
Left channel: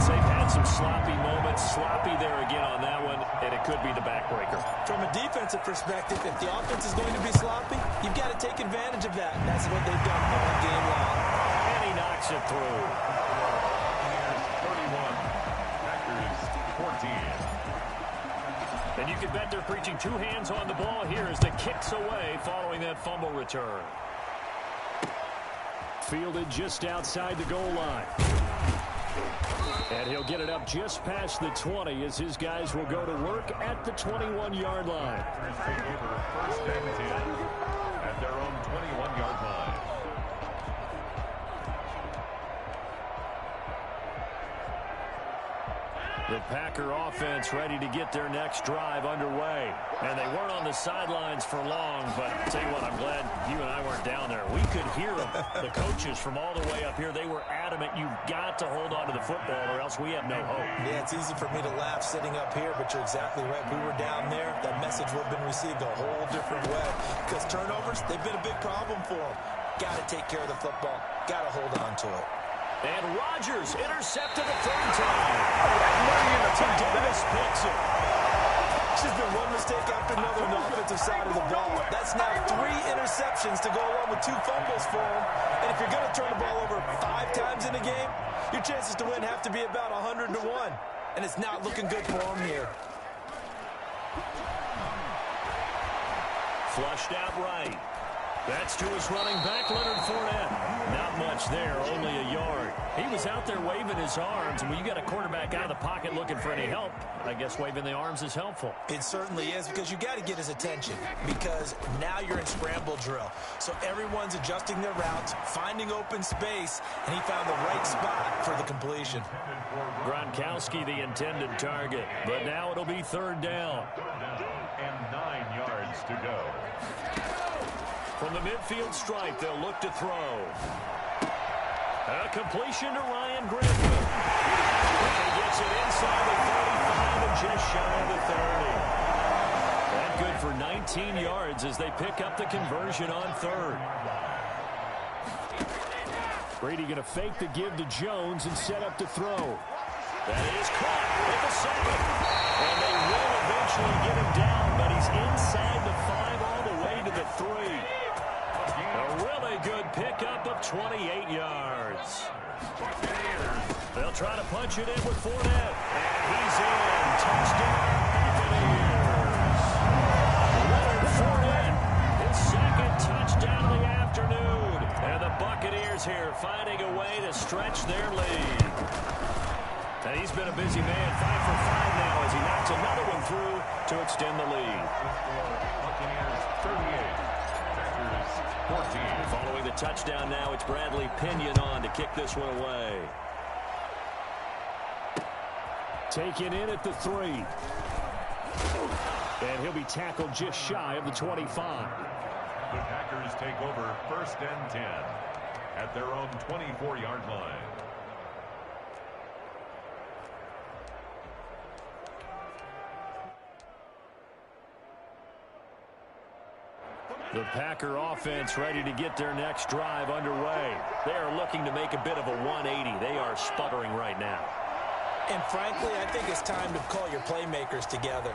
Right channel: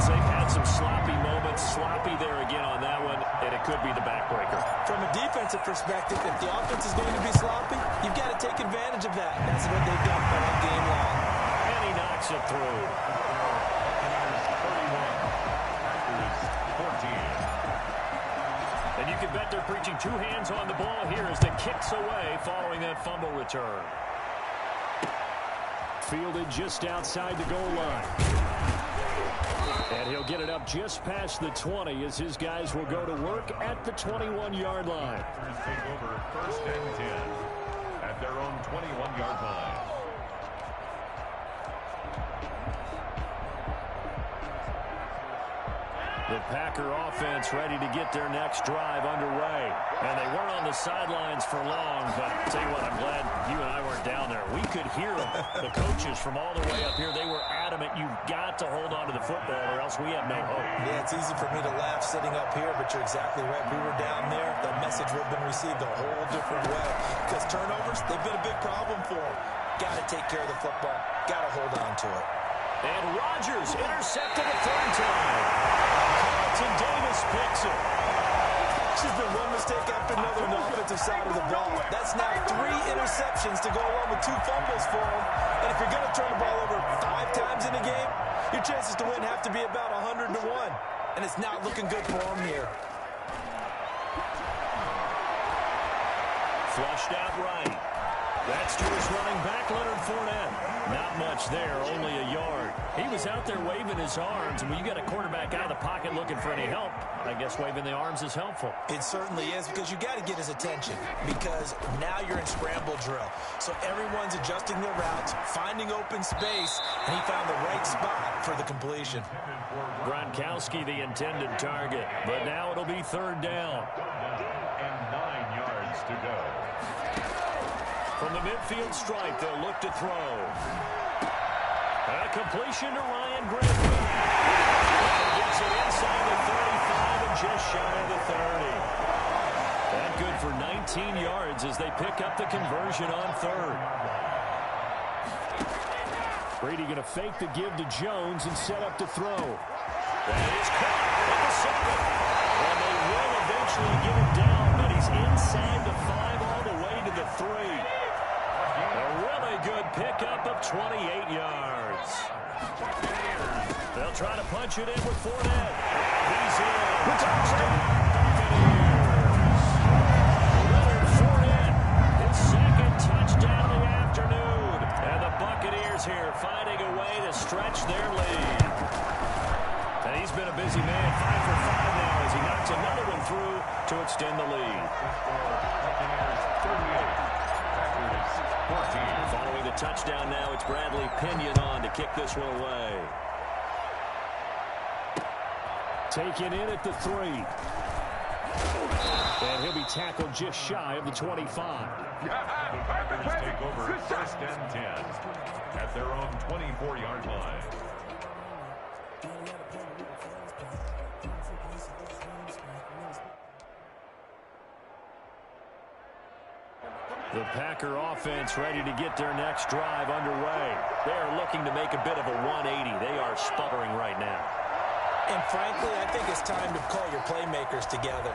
They've had some sloppy moments, sloppy there again on that one, and it could be the backbreaker. From a defensive perspective, if the offense is going to be sloppy, you've got to take advantage of that. That's what they've done all game long. And he knocks it through. Buccaneers 31, Packers 14. And you can bet they're preaching 2 hands on the ball here as the kicks away following that fumble return. Fielded just outside the goal line. And he'll get it up just past the 20 as his guys will go to work at the 21-yard line. Packers take over 1st and 10 at their own 21-yard line. The Packer offense ready to get their next drive underway. And they weren't on the sidelines for long, but I'll tell you what, I'm glad you and I weren't down there. We could hear them. The coaches from all the way up here, they were adamant, you've got to hold on to the football or else we have no hope. Yeah, it's easy for me to laugh sitting up here, but you're exactly right. If we were down there, that message would have been received a whole different way. Because turnovers, they've been a big problem for them. Got to take care of the football. Got to hold on to it. And Rodgers intercepted a 3rd time. Carlton Davis picks it. It's just been one mistake after another on the offensive side of the ball. That's now 3 interceptions to go along with 2 fumbles for him. And if you're going to turn the ball over 5 times in a game, your chances to win have to be about 100 to 1. And it's not looking good for him here. Flushed out right. That's to his running back, Leonard Fournette. Not much there, only a yard. He was out there waving his arms, and when you got a quarterback out of the pocket looking for any help, I guess waving the arms is helpful. It certainly is, because you got to get his attention, because now you're in scramble drill. So everyone's adjusting their routes, finding open space, and he found the right spot for the completion. Gronkowski the intended target, but now it'll be 3rd down. And 9 yards to go. From the midfield stripe, they'll look to throw. A completion to Ryan Griffin. And he gets it inside the 35 and just shy of the 30. That good for 19 yards as they pick up the conversion on 3rd. Brady going to fake the give to Jones and set up to throw. That is caught at the 7. And they will eventually get him down, but he's inside the 5 all the way to the 3. A really good pickup of 28 yards. They'll try to punch it in with Fournette. And he's in. Touchdown, Buccaneers. Leonard Fournette, his 2nd touchdown of the afternoon. And the Buccaneers here finding a way to stretch their lead. And he's been a busy man, 5 for 5 now as he knocks another one through to extend the lead. Buccaneers 38. Packers 14. Following the touchdown now, it's Bradley Pinion on to kick this one away. Taken in at the 3. And he'll be tackled just shy of the 25. The Packers take over 1st and 10 at their own 24-yard line. The Packer offense ready to get their next drive underway. They are looking to make a bit of a 180. They are sputtering right now. And frankly, I think it's time to call your playmakers together.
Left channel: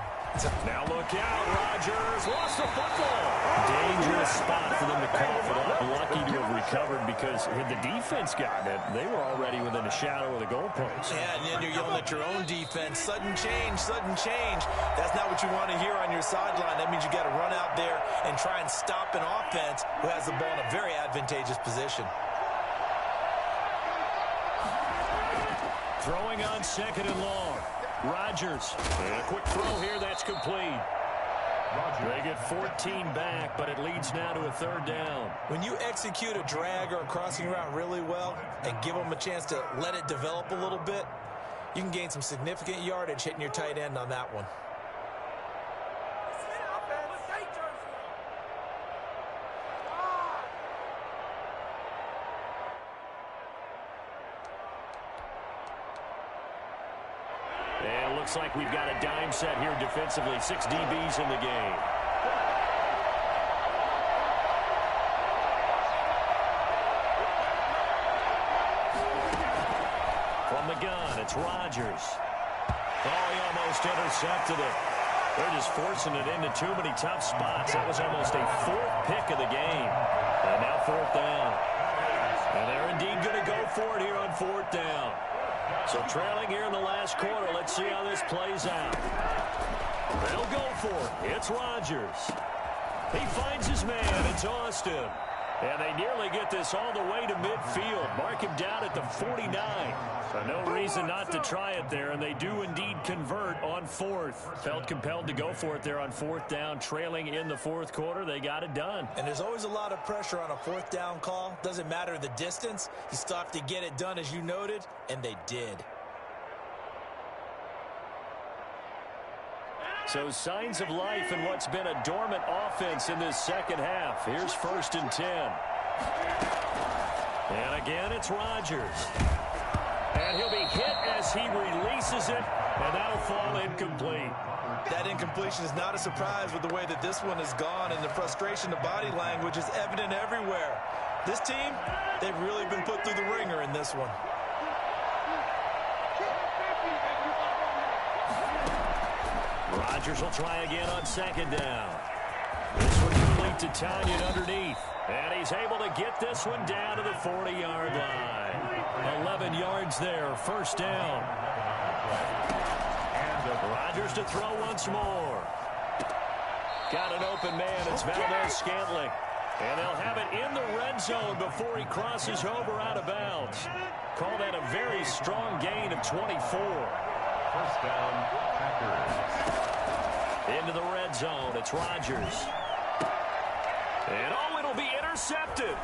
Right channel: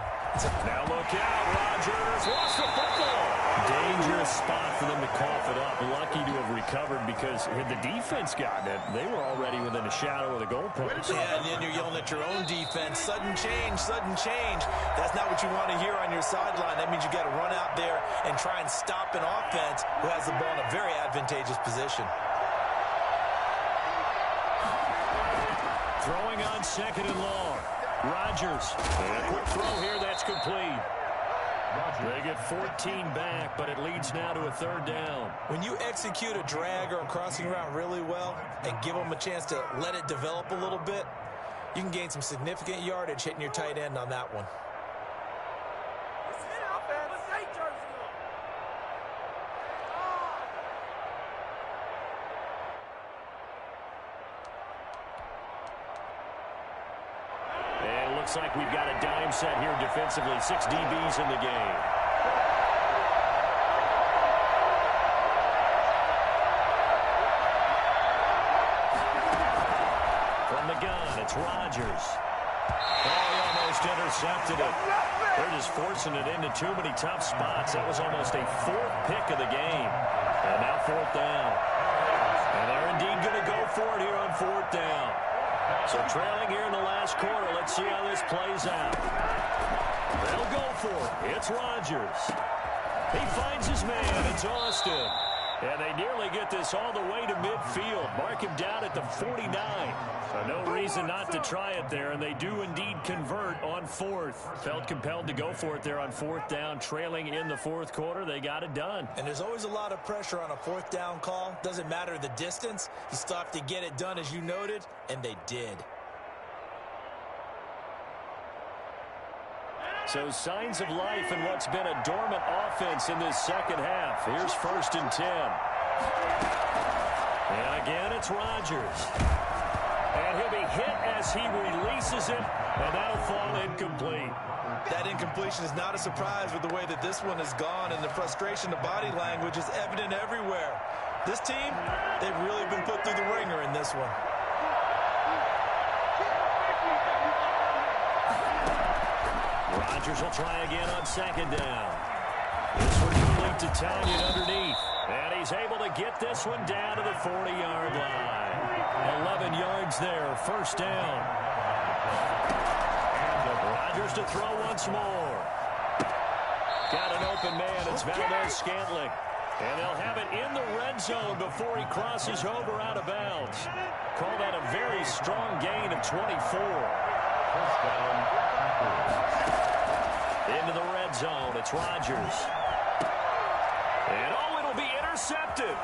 Now look out, Rodgers lost the football. Dangerous spot for them to cough it up. Lucky to have recovered because had the defense gotten it, they were already within a shadow of the goalpost. Yeah, and then you're yelling at your own defense. Sudden change, sudden change. That's not what you want to hear on your sideline. That means you got to run out there and try and stop an offense who has the ball in a very advantageous position. Throwing on 2nd and long. Rodgers. And a quick throw here. That's complete. They get 14 back, but it leads now to a 3rd down. When you execute a drag or a crossing route really well and give them a chance to let it develop a little bit, you can gain some significant yardage hitting your tight end on that one. And it looks like we've got a dime set here defensively. 6 DBs in the game. From the gun, it's Rodgers. Oh, he almost intercepted it. They're just forcing it into too many tough spots. That was almost a 4th pick of the game. And now 4th down. And they're indeed going to go for it here on 4th down. So trailing here in the last quarter. Let's see how this plays out. They'll go for it. It's Rodgers. He finds his man. It's Austin. And they nearly get this all the way to midfield. Mark him down at the 49. So no reason not to try it there, and they do indeed convert on 4th. Felt compelled to go for it there on 4th down. Trailing in the 4th quarter, they got it done. And there's always a lot of pressure on a 4th down call. Doesn't matter the distance. You still have to get it done, as you noted, and they did. So signs of life in what's been a dormant offense in this second half. Here's 1st and 10. And again, it's Rodgers. And he'll be hit as he releases it, and that'll fall incomplete. That incompletion is not a surprise with the way that this one has gone, and the frustration, the body language is evident everywhere. This team, they've really been put through the ringer in this one. Rodgers will try again on 2nd down. This one complete to Tanya underneath. And he's able to get this one down to the 40-yard line. 11 yards there, 1st down. Rodgers to throw once more. Got an open man. It's Valdez-Scantling. And they'll have it in the red zone before he crosses over out of bounds. Call that a very strong gain of 24. 1st down, Packers. Into the red zone, it's Rodgers. And oh, it'll be intercepted.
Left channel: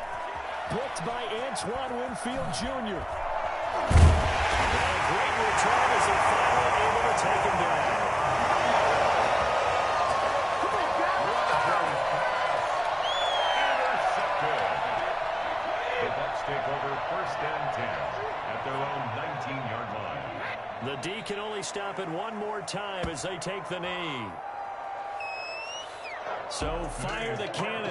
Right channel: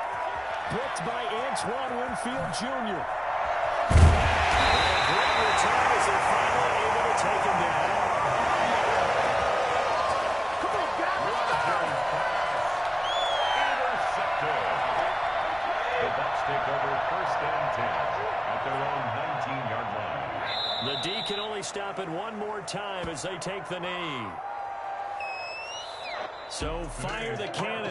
Picked by Antoine Winfield Jr. And a great return as they're finally able to take him down. Intercepted. The Bucs take over 1st and 10 at their own 19-yard line. The D can only stop it one more time as they take the knee. So fire the cannon.